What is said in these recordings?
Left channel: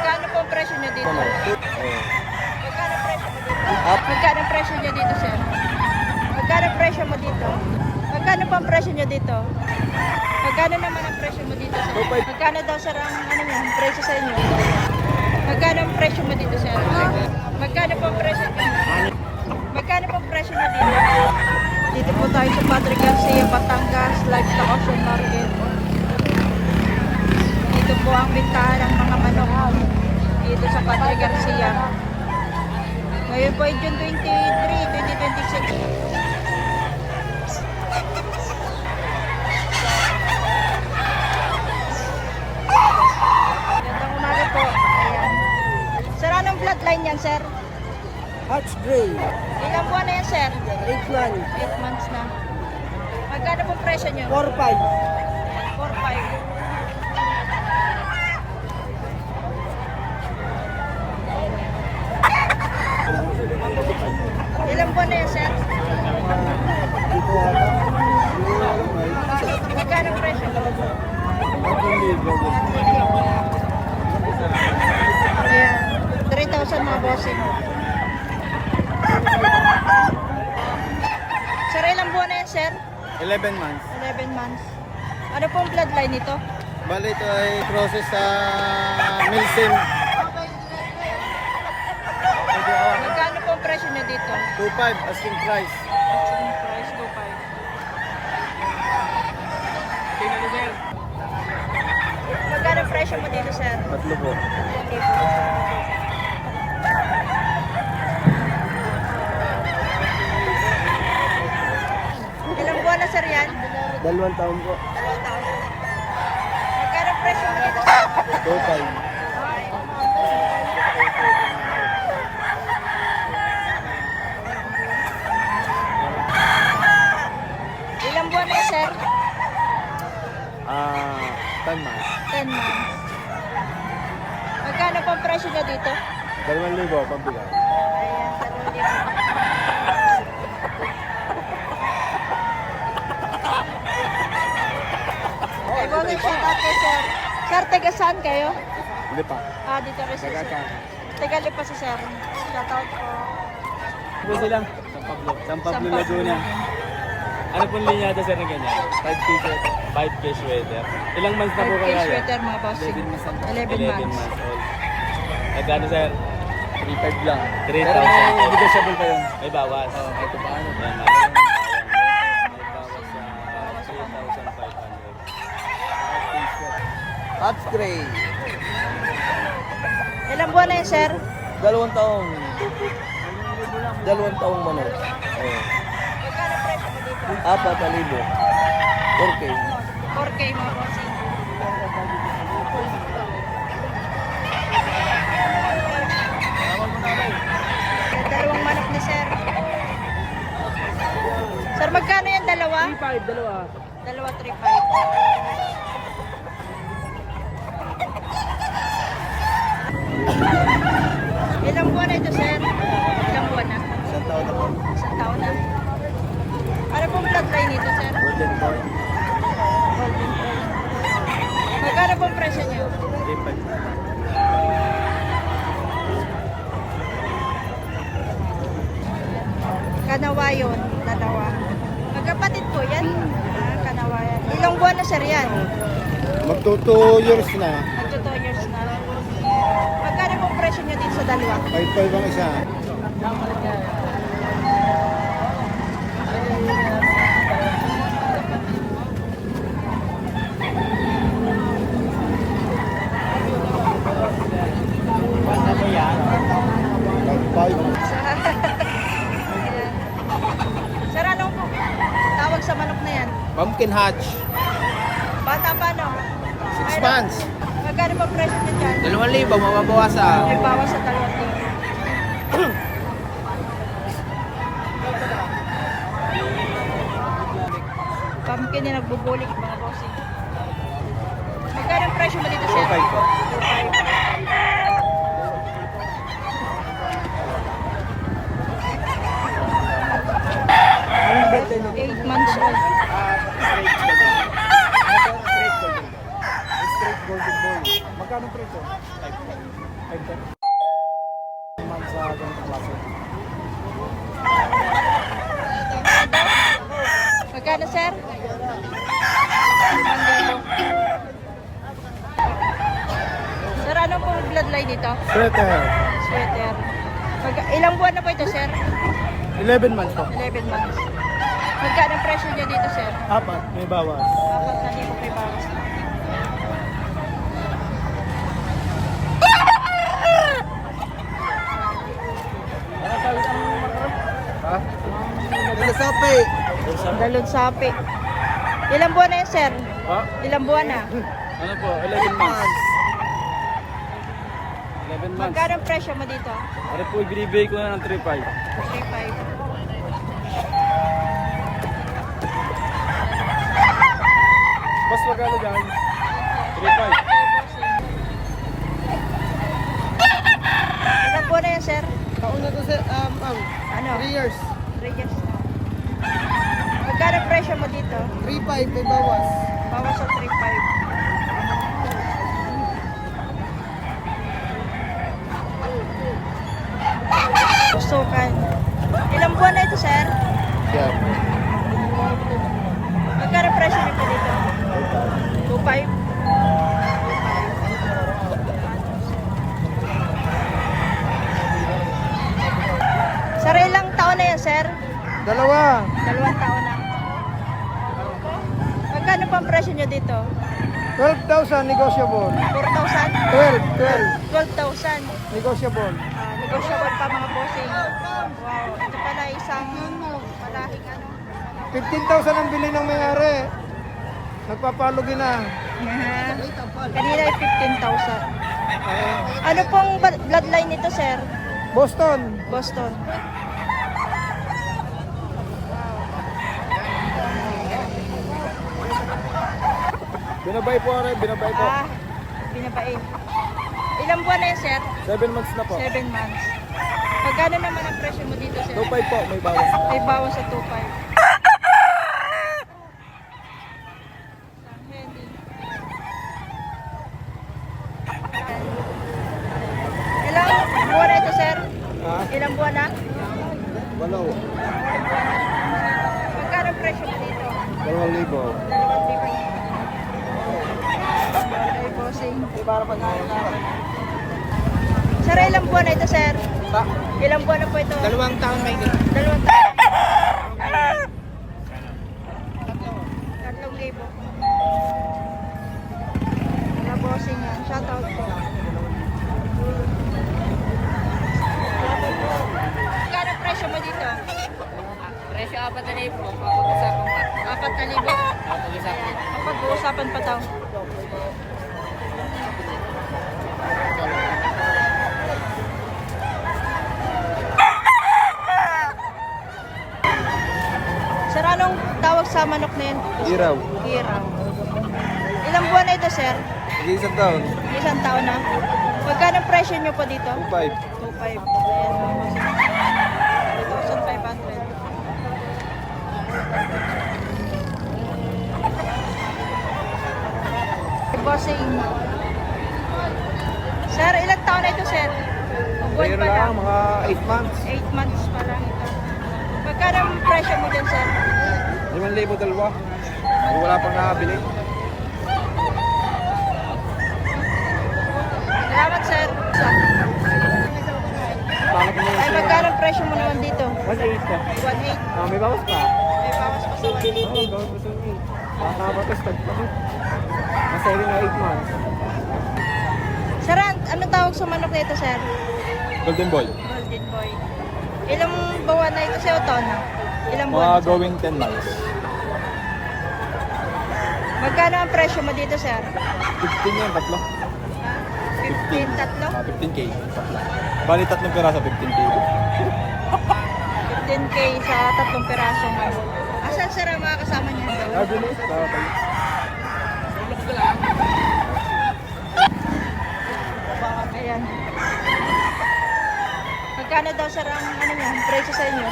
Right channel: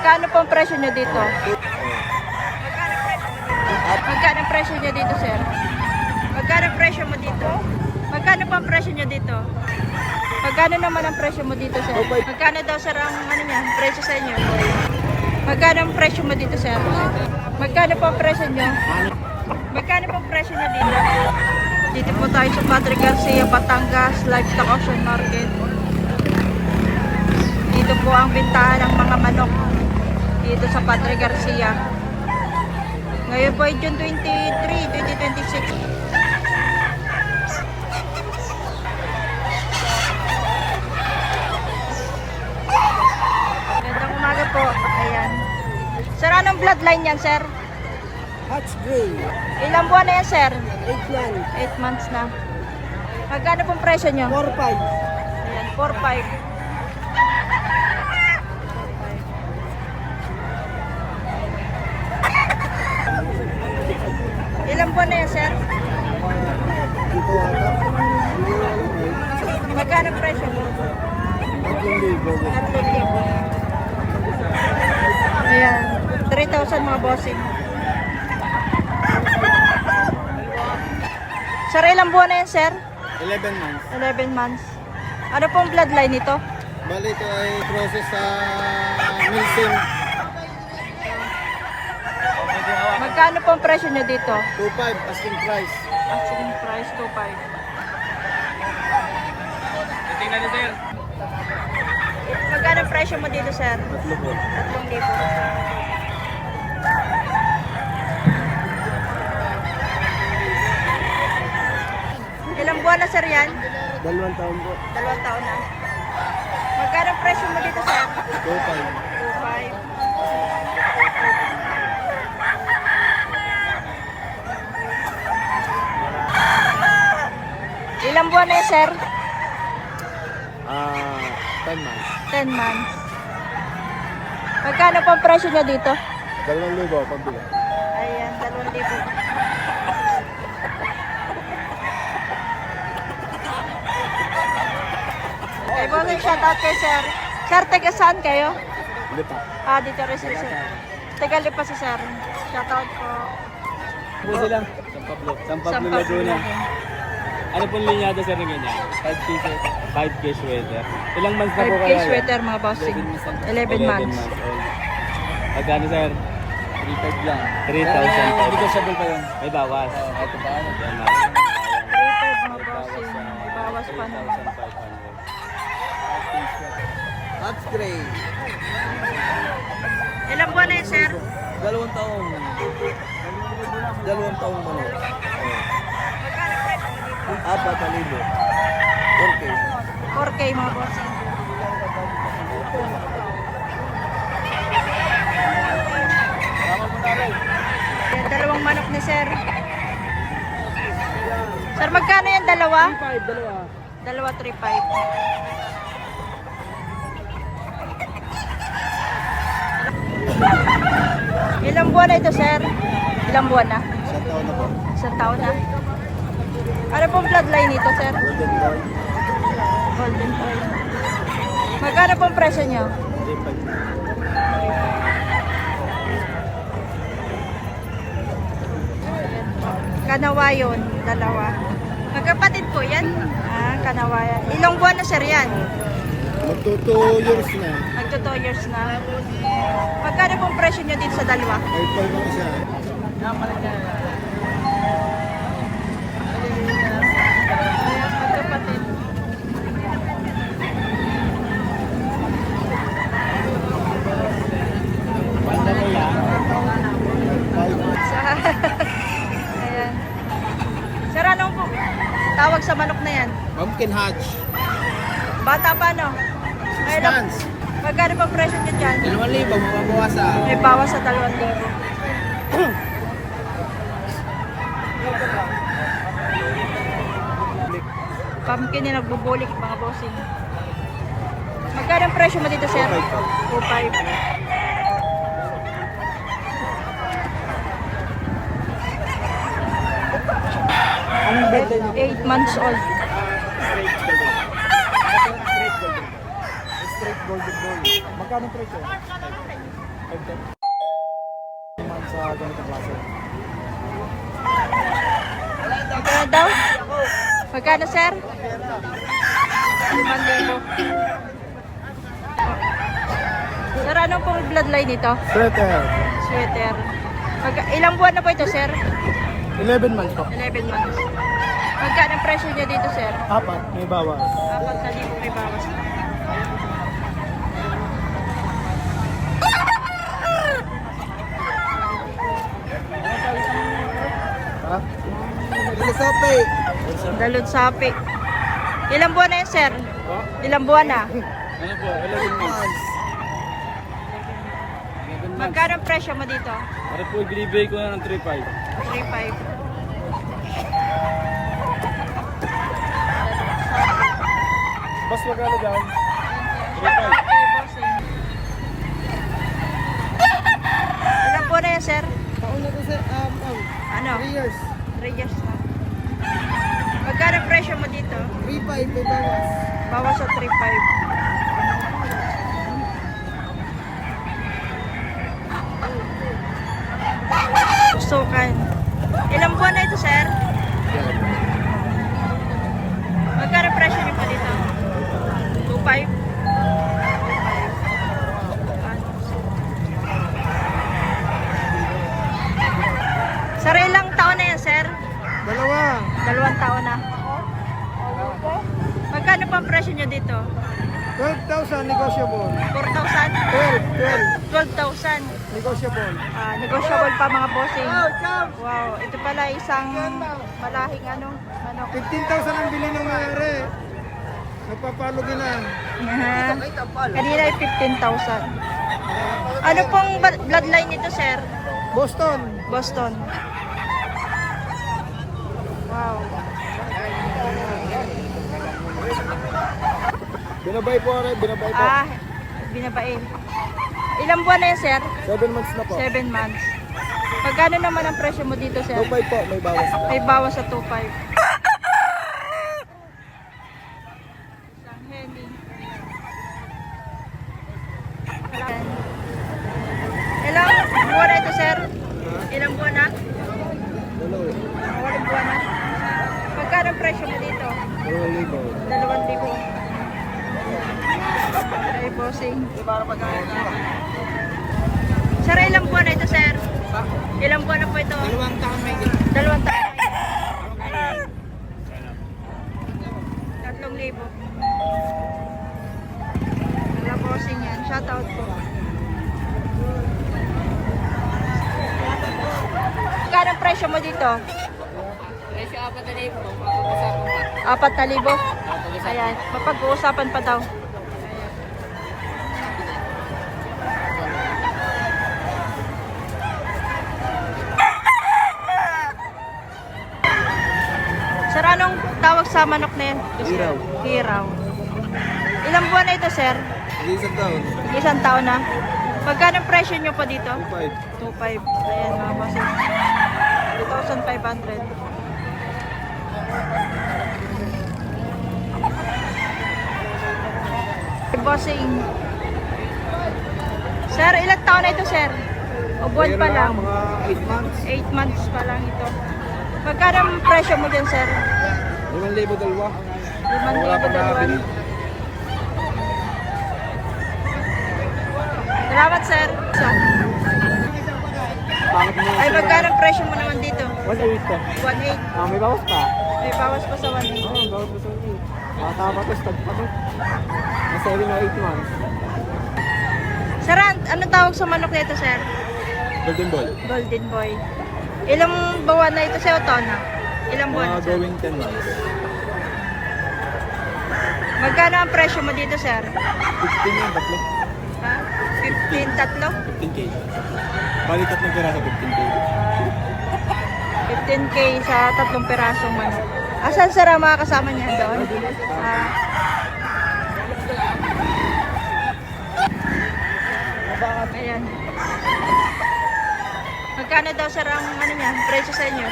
Magkano po ang presyo nyo dito? Magkano presyo mo dito? Magkano ang presyo nyo dito, sir? Magkano ang presyo mo dito? Magkano po ang presyo nyo dito? Magkano naman ang presyo mo dito, sir? Magkano daw, sir, ang ano niya, presyo sa inyo? Magkano ang presyo mo dito, sir? Magkano po ang presyo nyo? Magkano po ang presyo nyo dito? Dito po tayo sa Padre Garcia, Batangas, Livestock Auction Market. Dito po ang bintahan ng mga manok dito sa Padre Garcia. Ngayon po ay June 23, 2026. Magandang umaga po. Ayan. Sir, anong bloodline yan, sir? Hatch Gray, Ilang buwan na yan, sir? 8 man, 8 months na. Magkano pong presyo nyo? 4-5. Ayan, 4-5. Ilang buwan na yan, sir? Dito ata. Magkano presyo? 3,000. 3,000. Ayan, 3,000 mga bossing. Sir, ilang buwan na yan, sir? 11 months. 11 months. Ano pong bloodline nito? Bali ito ay process sa Milsim. Magkano pong presyo nyo dito? 2,500 asking price. Asking price, 2,500. Magkano ang presyo mo dito, sir? Tatlo po. 3,000. Ilang buwan na, sir, yan? 2 taon po. 2 taon na. Magkano ang presyo mo dito, sir? 2,500. 2,500. Ilang buwan na yan, sir? 10 months. 10 months. Magkano po ang presyo niya dito? 2,000 pambigay. Ayan, 2,000. Okay, bagay, shout out kay sir. Sir, taga saan kayo? Hindi pa. Dito rin si sir. Taga Lipa si sir. Shout out po. Po sila? San Pablo. San Pablo, San Laguna. Ano pong linyada sir na ganyan? 5K sweater. 5K sweater. Ilang months na po 5K kaya? sweater mga bossing. 11 months. old. Magkano sir? 3,500 lang. 3,000. Pero may negotiable pa yun. May bawas. Oo, kahit paano. 3,500 mga bossing. Bawas pa na. Hatch Gray. Ilang buwan na yun, sir? 2 taon. 2 taon mo na. Magkano presyo mo dito? 4,000. 4K. 4K mga bossing. Yan, dalawang manok ni sir. Sir, magkano yan? Dalawa? 3,500, dalawa. Dalawa, 3,500. Ilang buwan na ito, sir? Ilang buwan na? 1 taon na po. Isang taon na. Ano pong bloodline nito, sir? Golden boy. Golden Boy. Magkano pong presyo niyo? 3,500. Kanawayon, dalawa. Magkapatid po yan? Kanawayan. Ilang buwan na, sir, yan? Magto 2 years na. Nagto 2 years na. Magkano pong presyo niyo dito sa dalawa? 5,500 ang isa. Ayan, magkapatid. Ayan. Sir, anong po tawag sa manok na yan? Pumpkin hatch. Bata pa, no? 6 months. Magkano pong presyo niyo dyan? 2,000, mababawasan. May bawas sa 2,000. Pumpkin na nagbubulik mga bossing. Magkano ang presyo mo dito, sir? 2,500 po. 2,500. Anong birthday niyo? 8 months old. Straight golden boy. Straight golden boy. Magkano presyo? 5. Sa ganitong klase. Magkano daw? Magkano, sir? 5,000. Sir, ano pong bloodline nito? Sweater. Sweater. Ilang buwan na po ito, sir? 11 months po. 11 months. Magkano ang presyo niya dito, sir? 4, may bawas. 4,000 may bawas na. Ha? Dalasapi. Dalon sapi. Ilang buwan na yan, sir? Pa? Ilang buwan na? Ano po? 11 months. 11 months. Magkano ang presyo mo dito? Ano po, binibigay ko na ng 3.5. 3,500. Mas magkano dyan? 3.5. Ilang buwan na yan, sir? Pauna to sa, Ano? 3 years. 3 years na. Magkano ang presyo mo dito? 3.5 may bawas. Bawas sa 3,500. Pusukan. Ilang buwan na ito, sir? Yan. Magkano ang presyo niyo po dito? 2,500? 2,500. Sir, ilang taon na yan, sir? 2. 2 taon na. Magkano pa ang presyo niyo dito? 12,000 negotiable. 4,000? 12,000. 12 negotiable. Negotiable pa mga bossing. Wow, ito pala isang malahing ano. 15,000 ang bili ng mayari. Nagpapalugi na. Yeah. Kanina ay 15,000. Ano pong bloodline nito, sir? Boston. Boston. Wow. Binabay po rin, binabay po. Binabae. Ilang buwan na yan, sir? 7 months na po. 7 months. Pagkano naman ang presyo mo dito, sir? 2.5 po, may bawas na. May bawas sa 2,500. Isang heli. Ilang buwan na ito, sir? Ha? Ilang buwan na? Walo. Walang buwan na. Magkano ang presyo mo dito? 2,000. 2,000. Ay, bossing. Sir, ilang buwan na ito, sir? Ilang buwan na po ito? 2 taon may 2 taon. 3,000. Mga bossing yan. Shoutout po. Magkano ang presyo mo dito? Presyo 4,000, mapag-usapan pa. 4,000? Mapag-usapan. Ayan, mapag-uusapan pa daw. Sir, anong tawag sa manok na yan? Hiraw. Hiraw. Ilang buwan na ito, sir? Isang taon. Isang taon na. Magkano ang presyo nyo po dito? 2.5. 2,500. Ayan, mga bossing. 2,500. Bossing. Sir, ilang taon na ito, sir? O buwan pa lang? Mga 8 months. 8 months pa lang ito. Magkano ang presyo mo dyan, sir? 5,000 dalawa. 5,000. Wala pang nakabili. Salamat, sir. Bakit mo Ay, magkano ang presyo mo naman dito? 1.8 ka. 1,800. May bawas pa. May bawas pa sa 1,800. Oo, bawas pa sa 1.8. Mataba to, stag pa to. Mga 7 or 8 months. Sir, ano tawag sa manok nito, sir? Golden Ball. Golden boy. Ilang buwan na ito sa Otona? Ilang buwan na, sir? 10 months. Magkano ang presyo mo dito, sir? 15 yan, tatlo. Ha? 15, tatlo? 15K. Bali tatlong pera sa 15K. 15K sa 3 pirasong manok. Asan, sir, ang mga kasama niya doon? Ayan. Magkano daw, sir, ang ano niya, presyo sa inyo?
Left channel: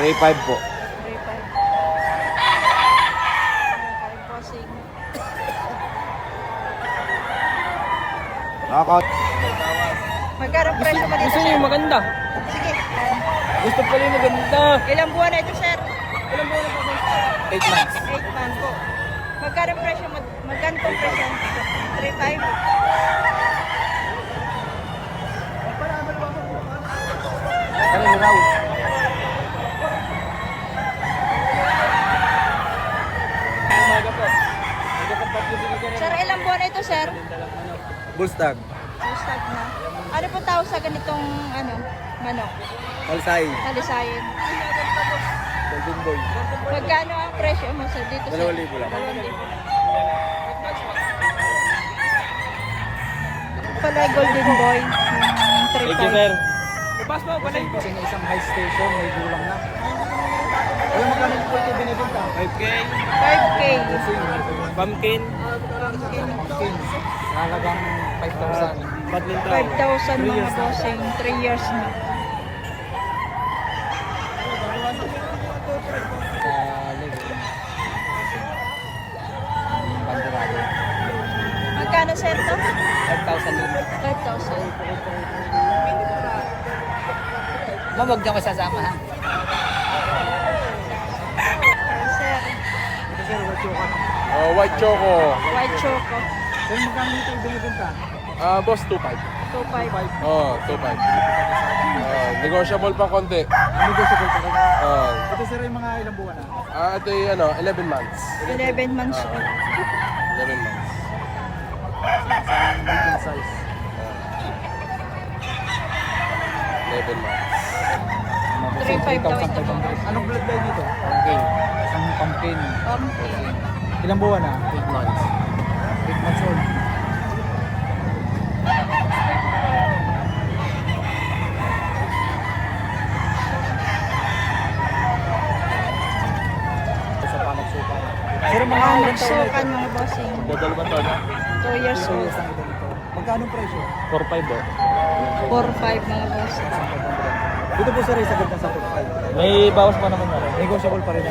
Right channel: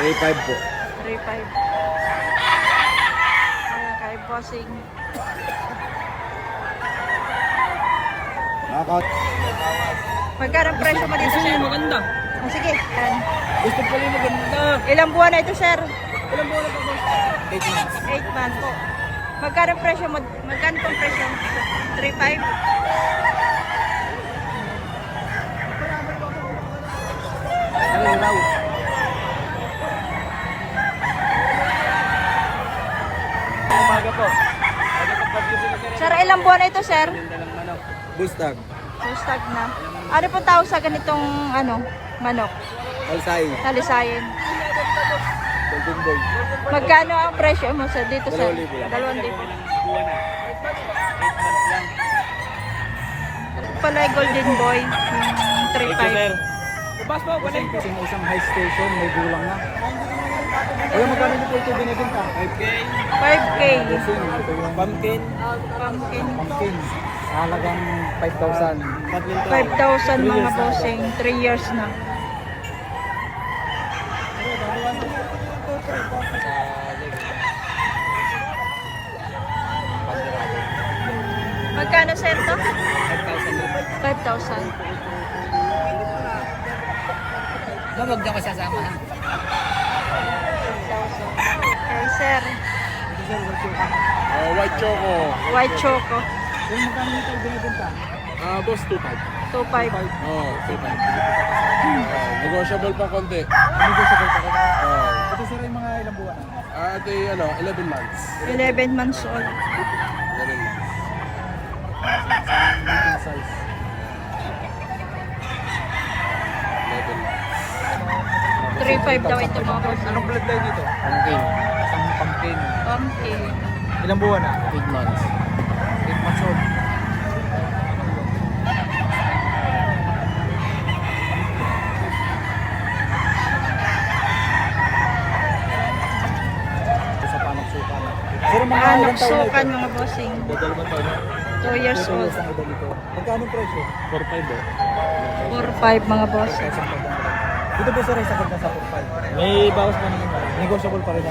3.5 po. 3,500. Ayan, kay bossing. Knockout. Magkano ang presyo mo dito, Gusto sir? niyo maganda. Sige, yan. Gusto pa rin maganda. Ilang buwan na ito, sir? Ilan po na po? 8 months. 8 months po. Magkano ang presyo mo? Magkano po ang presyo? 3.5? Sir, ilang buwan na ito, sir? Bullstag. Start na. Ano po tawag sa ganitong manok? Kalsay. Talisayin. Golden boy. Magkano ang presyo mo sa dito, sir? 2,000 lang. 2,000. Pala golden boy, yung 3.5. Bas mo, balay ko. Isang high station, may gulang na. Alam mo ito binibenta? 5K. 5K. Pumpkin. Pumpkin. Halagang 5,000. Badminton. 5,000 mga bossing. 3 years na. Magkano, sir, to? 5,000. 5,000. Huwag niyo kasasama. Okay, sir. Ito sir, what you can. Oh, white choco. White choco. Sir, magkano nito binibenta? Boss, 2.5. 2.5. Oh, 2.5. Negotiable pa konti. Negotiable pa rin. Oh. Ito sir, yung mga ilang buwan na. Ito yung 11 months. 11 months old. 11 months. Medium size. 11 months. 3.5 daw ito mga bossing. Okay. Pumpkin. Pumpkin. Ilang buwan na? 8 months. Isa pa magsuka. Sir, mga Ah, ilang taon na ito? nagsukan mga bossing. Total ba to? 2 years 2 old. years ang ito dito. Magkano ang presyo? 4.5 oh. 4.5 mga boss. Dito po sir, isa din sa akin. May bawas pa naman yan. Negotiable pa rin.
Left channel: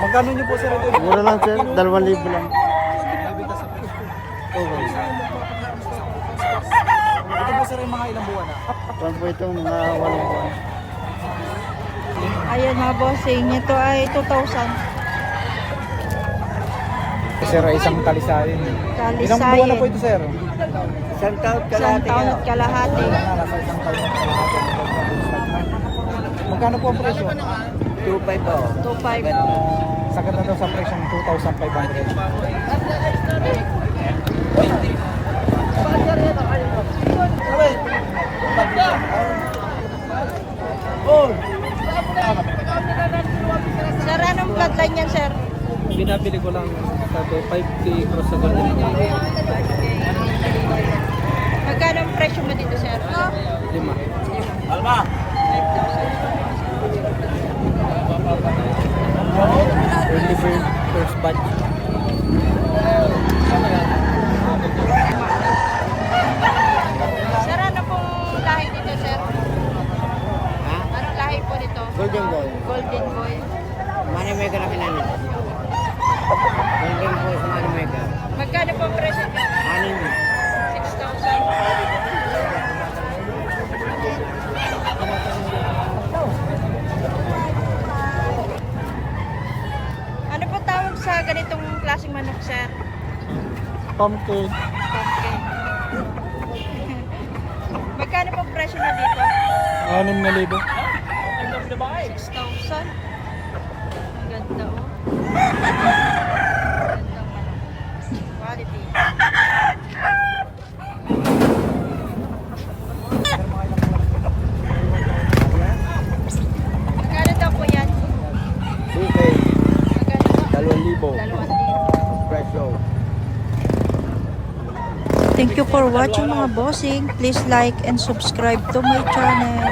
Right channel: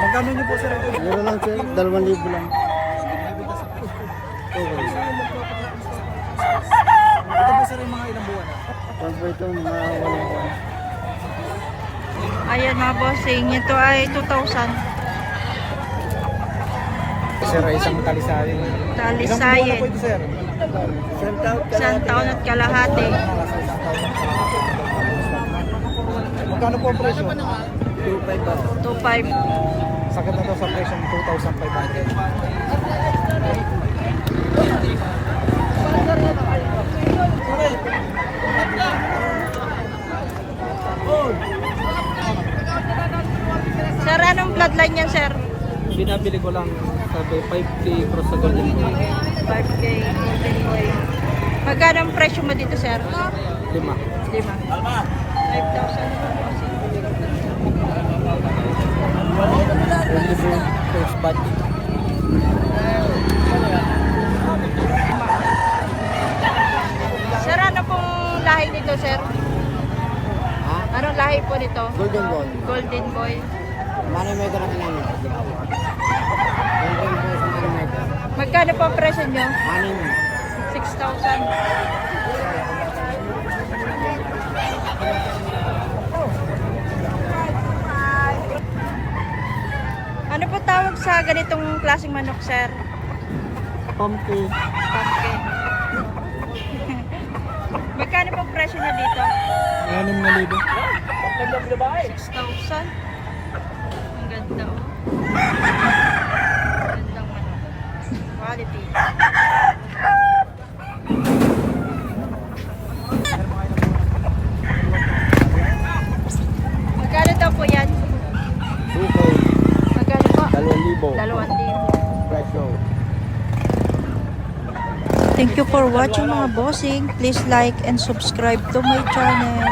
Magkano niyo po sir ito? Mura lang sir, 2,000 lang. Okay. Ito po sir yung mga ilang buwan na. Kung po ito, mga 8 buwan. Ayan mga bossing, ito ay 2,000. Sir, ay isang talisayin. Ilang buwan na Talisayin. po ito sir? Isang taon at kalahati. Magkano po ang presyo? 2,500 po. 2.5. Sa ganito sa presyo ng 2,500. Sir, anong bloodline yan, sir? Binabili ko lang sabi 5K cross sa Golden Boy. 5K. Magkano ang presyo mo dito, sir? 5. 5,000. Early bird, first batch. Sir, ano pong lahi nito, sir? Ha? Anong lahi po nito? Golden Boy. Golden boy. Money maker ang ilan niya. Golden Boy sa money maker. Magkano po ang presyo nyo? 6. 6,000. Ano po tawag sa ganitong klaseng manok, sir? Pumpkin. Pumpkin. Magkano po ang presyo niya dito? 6,000. 6,000. Ang ganda, oh. Gandang manok. Quality. Magkano daw po yan? 2K. Magkano po? 2,000. 2,000. Presyo. Thank you for watching mga bossing. Please like and subscribe to my channel.